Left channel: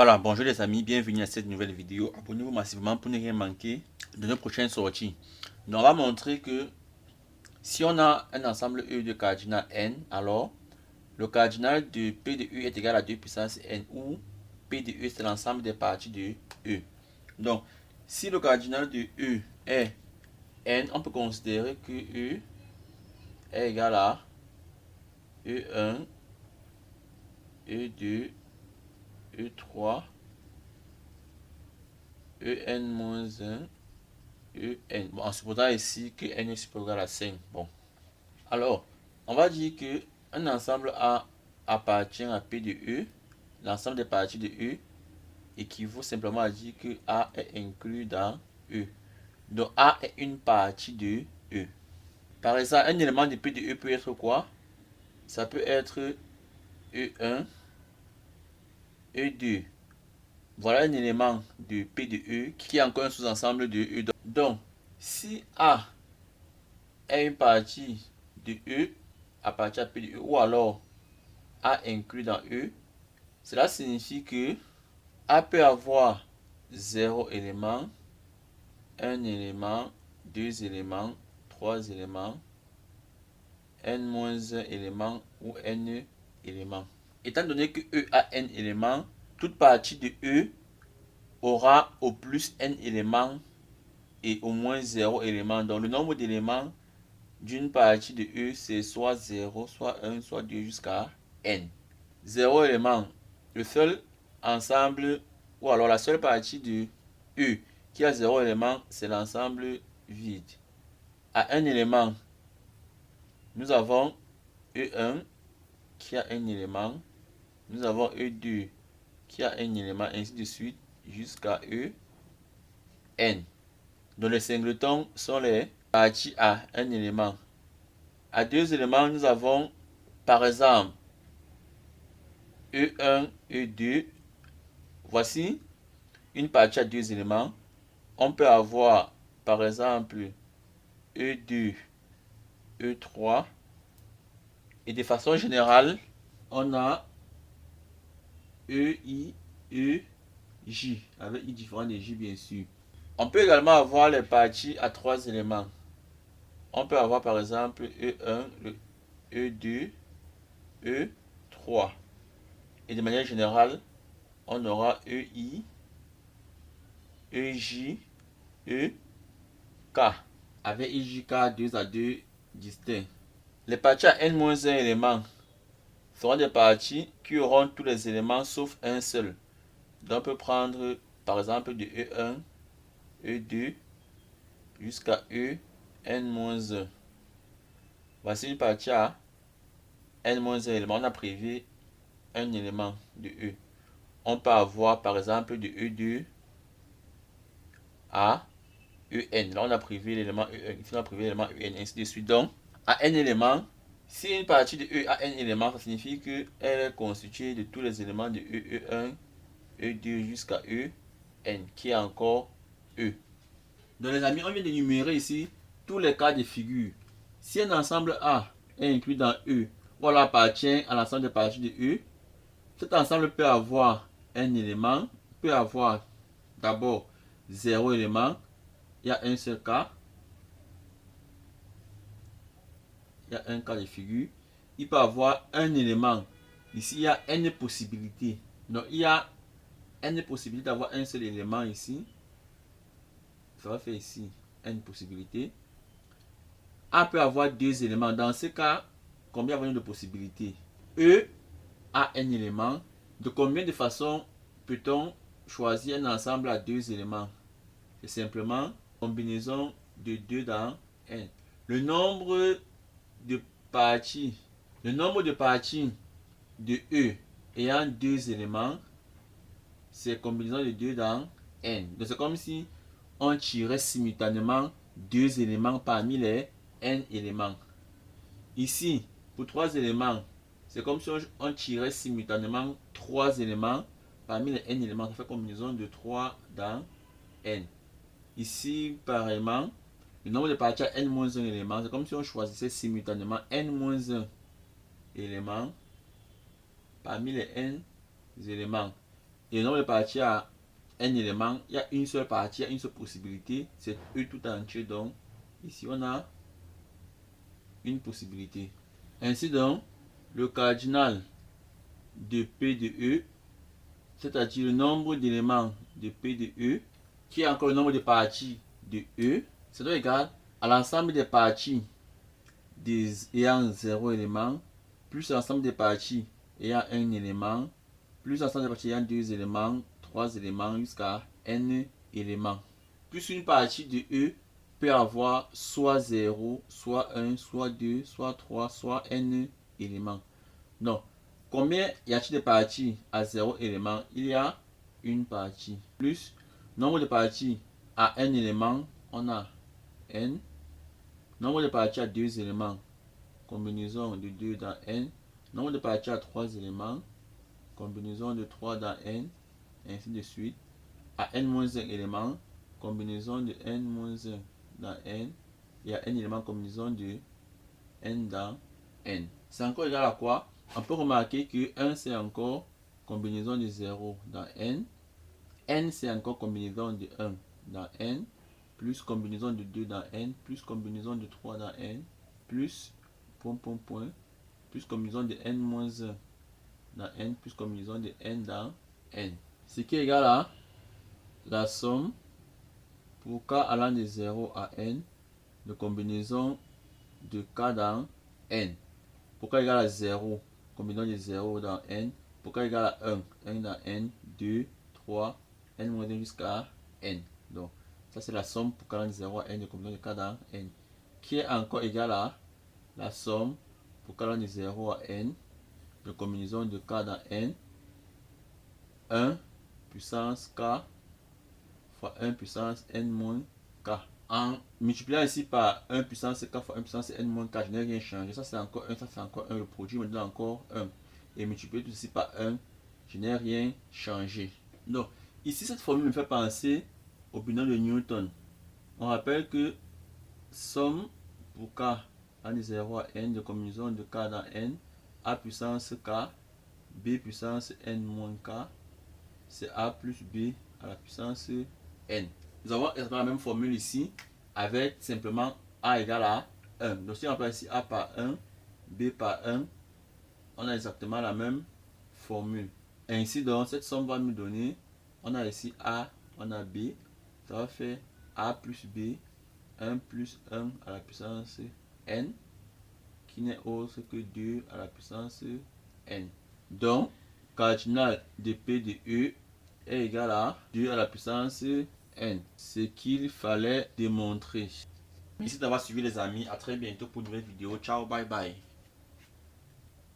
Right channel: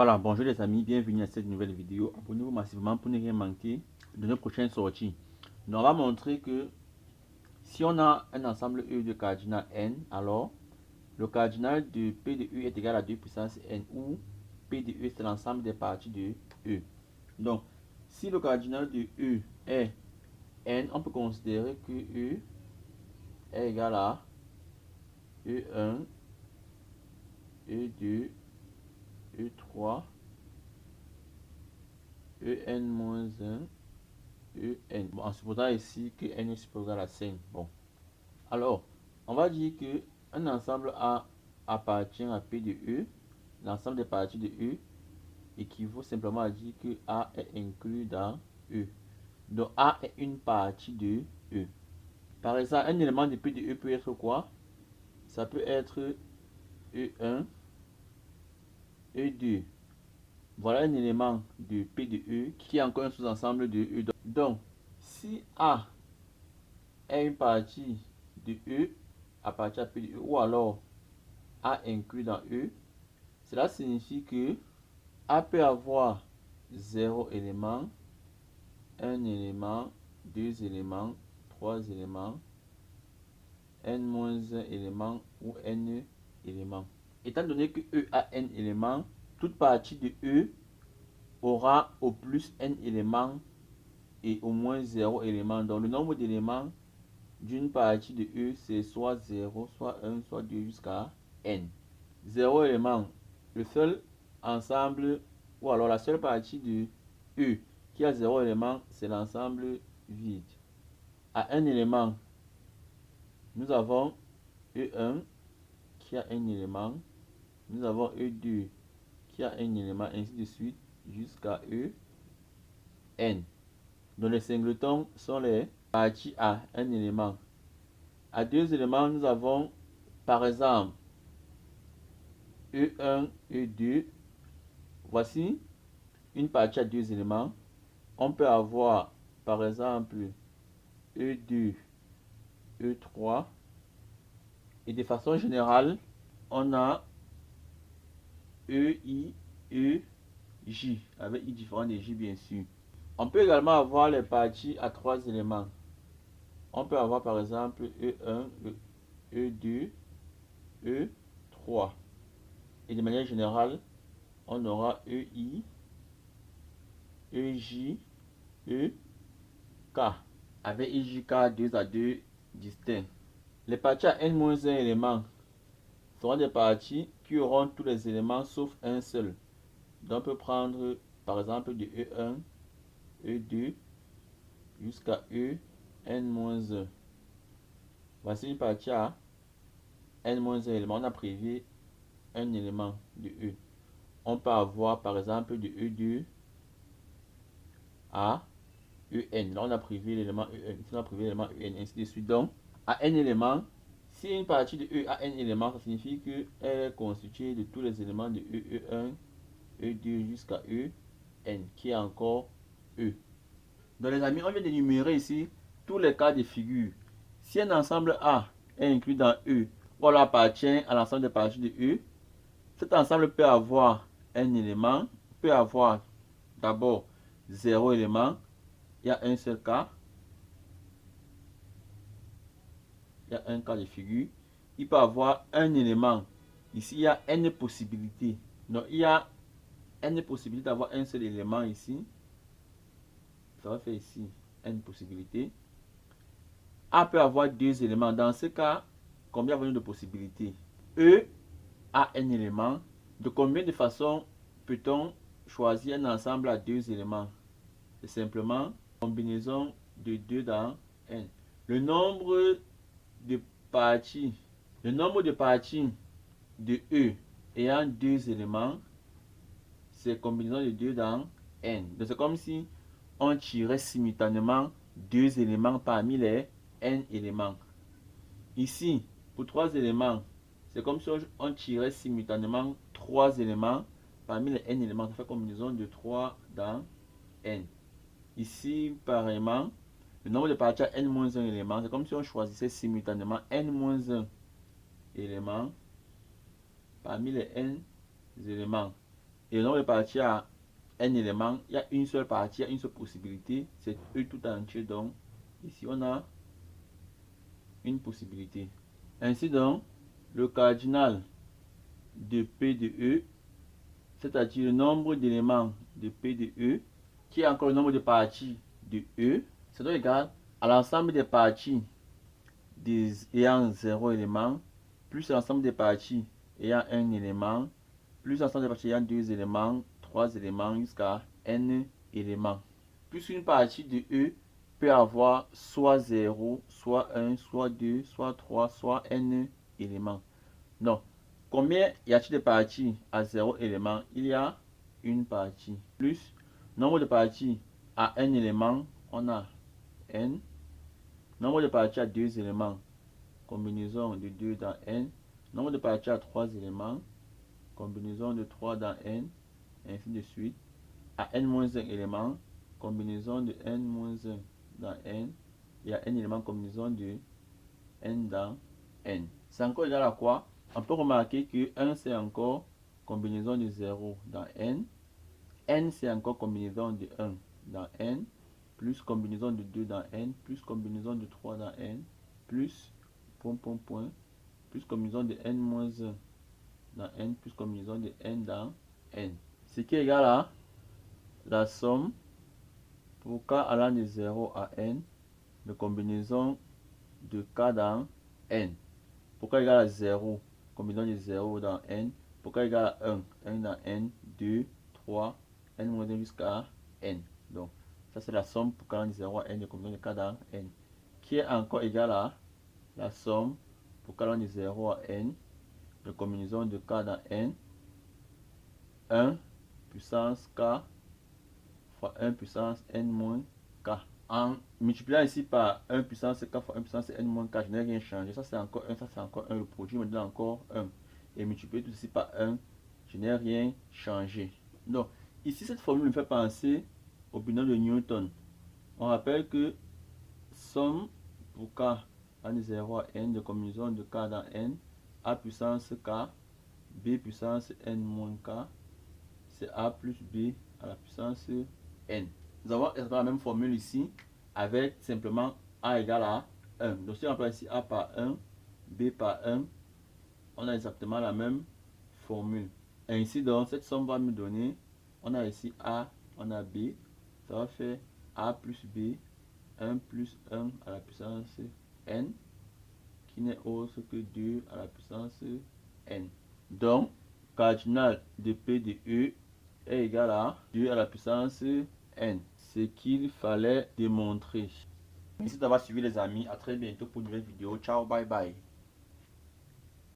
Voilà, bonjour les amis, bienvenue à cette nouvelle vidéo. Abonnez-vous massivement pour ne rien manquer de nos prochaines sorties. Donc, on va montrer que si on a un ensemble E de cardinal n, alors le cardinal de P de E est égal à 2 puissance n, où P de E c'est l'ensemble des parties de E. Donc, si le cardinal de E est n, on peut considérer que E est égal à E1, E2, E3, En-1, En. Bon, en supposant ici que n est supérieur à 5. Bon. Alors, on va dire que un ensemble A appartient à P de E. L'ensemble des parties de E équivaut simplement à dire que A est inclus dans E. Donc, A est une partie de E. Par exemple, un élément de P de E peut être quoi? Ça peut être E1, E2. Voilà un élément de P de E qui est encore un sous-ensemble de E. Donc, si A est une partie de E appartient à P de E, ou alors A inclus dans E, cela signifie que A peut avoir 0 élément, 1 élément, 2 éléments, 3 éléments, n-1 élément ou n éléments. Étant donné que E a n éléments, toute partie de E aura au plus n éléments et au moins 0 élément. Donc le nombre d'éléments d'une partie de E, c'est soit 0, soit 1, soit 2 jusqu'à n. 0 élément. Le seul ensemble, ou alors la seule partie de E qui a 0 élément, c'est l'ensemble vide. À un élément, nous avons E1 qui a un élément. Nous avons E2 qui a un élément, ainsi de suite, jusqu'à En. Donc les singletons sont les parties à un élément. À deux éléments, nous avons par exemple E1, E2. Voici une partie à deux éléments. On peut avoir par exemple E2, E3. Et de façon générale, on a EI, EJ, avec I différent de J bien sûr. On peut également avoir les parties à trois éléments. On peut avoir par exemple E1, E2, E3. Et de manière générale, on aura EI, EJ, EK, avec IJK 2 à 2 distincts. Les parties à n-1 éléments seront des parties qui auront tous les éléments sauf un seul. Donc on peut prendre par exemple de E1, E2 jusqu'à En-1. Voici une partie à n-1 éléments. On a privé un élément de E. On peut avoir par exemple de E2 à En. Là on a privé l'élément E1. Ici on a privé l'élément En, ainsi de suite. Donc à n éléments, si une partie de E a n éléments, ça signifie qu'elle est constituée de tous les éléments de E, E1, E2 jusqu'à En, qui est encore E. Donc les amis, on vient d'énumérer ici tous les cas de figure. Si un ensemble A est inclus dans E, ou alors appartient à l'ensemble des parties de E, cet ensemble peut avoir un élément, peut avoir d'abord 0 élément, il y a un seul cas, il y a un cas de figure. Il peut avoir un élément, ici il y a n possibilités. Donc il y a n possibilités d'avoir un seul élément ici. Ça va faire ici n possibilités. A peut avoir deux éléments. Dans ce cas, combien avons-nous de possibilités? E a un élément. De combien de façons peut-on choisir un ensemble à deux éléments? C'est simplement combinaison de 2 dans n. Le nombre de parties de E ayant deux éléments, c'est combinaison de 2 dans n. Donc c'est comme si on tirait simultanément deux éléments parmi les n éléments. Ici, pour 3 éléments, c'est comme si on tirait simultanément 3 éléments parmi les n éléments. Ça fait combinaison de 3 dans n. Ici, pareillement, le nombre de parties à n-1 éléments, c'est comme si on choisissait simultanément n-1 éléments parmi les n éléments. et le nombre de parties à n éléments, il y a une seule partie, il y a une seule possibilité, c'est E tout entier. Donc ici on a une possibilité. Ainsi donc, le cardinal de P de E, c'est-à-dire le nombre d'éléments de P de E, qui est encore le nombre de parties de E, c'est donc égal à l'ensemble des parties ayant 0 élément, plus l'ensemble des parties ayant 1 élément, plus l'ensemble des parties ayant 2 éléments, 3 éléments, jusqu'à n éléments. Plus une partie de E peut avoir soit 0, soit 1, soit 2, soit 3, soit n éléments. Donc, combien y a-t-il de parties à 0 élément? Il y a une partie. Plus nombre de parties à n élément, on a n. Nombre de parties à 2 éléments, combinaison de 2 dans n. Nombre de parties à 3 éléments, combinaison de 3 dans n, et ainsi de suite. À n-1 élément, combinaison de n-1 dans n, et à n éléments, combinaison de n dans n. C'est encore égal à quoi? On peut remarquer que 1 c'est encore combinaison de 0 dans n, n c'est encore combinaison de 1 dans n, plus combinaison de 2 dans n, plus combinaison de 3 dans n, plus plus combinaison de n-1 dans n, plus combinaison de n dans n. Ce qui est égal à la somme pour k allant de 0 à n de combinaison de k dans n. Pour k égale à 0, combinaison de 0 dans n. Pour k égale à 1, 1 dans n, 2, 3, n-1 jusqu'à n. Donc, ça c'est la somme pour k allant de 0 à n de combinaison de k dans n. Qui est encore égal à la somme pour k allant de 0 à n de combinaison de k dans n. 1 puissance k fois 1 puissance n moins k. En multipliant ici par 1 puissance k fois 1 puissance n moins k, je n'ai rien changé. Ça c'est encore 1, ça c'est encore 1. Le produit me donne encore 1. Et multiplier tout ceci par 1, je n'ai rien changé. Donc, ici cette formule me fait penser au binom de Newton. On rappelle que somme pour k allant de 0 à n de combinaison de k dans n, a puissance k, b puissance n moins k, c'est a plus b à la puissance n. Nous avons exactement la même formule ici avec simplement a égale à 1. Donc si on remplace ici a par 1, b par 1, on a exactement la même formule. Ainsi donc cette somme va nous donner, on a ici a, on a b, ça va faire a plus b, 1 plus 1 à la puissance n, qui n'est autre que 2 à la puissance n. Donc, cardinal de P de E est égal à 2 à la puissance n. Ce qu'il fallait démontrer. Merci d'avoir suivi les amis. À très bientôt pour une nouvelle vidéo. Ciao, bye bye.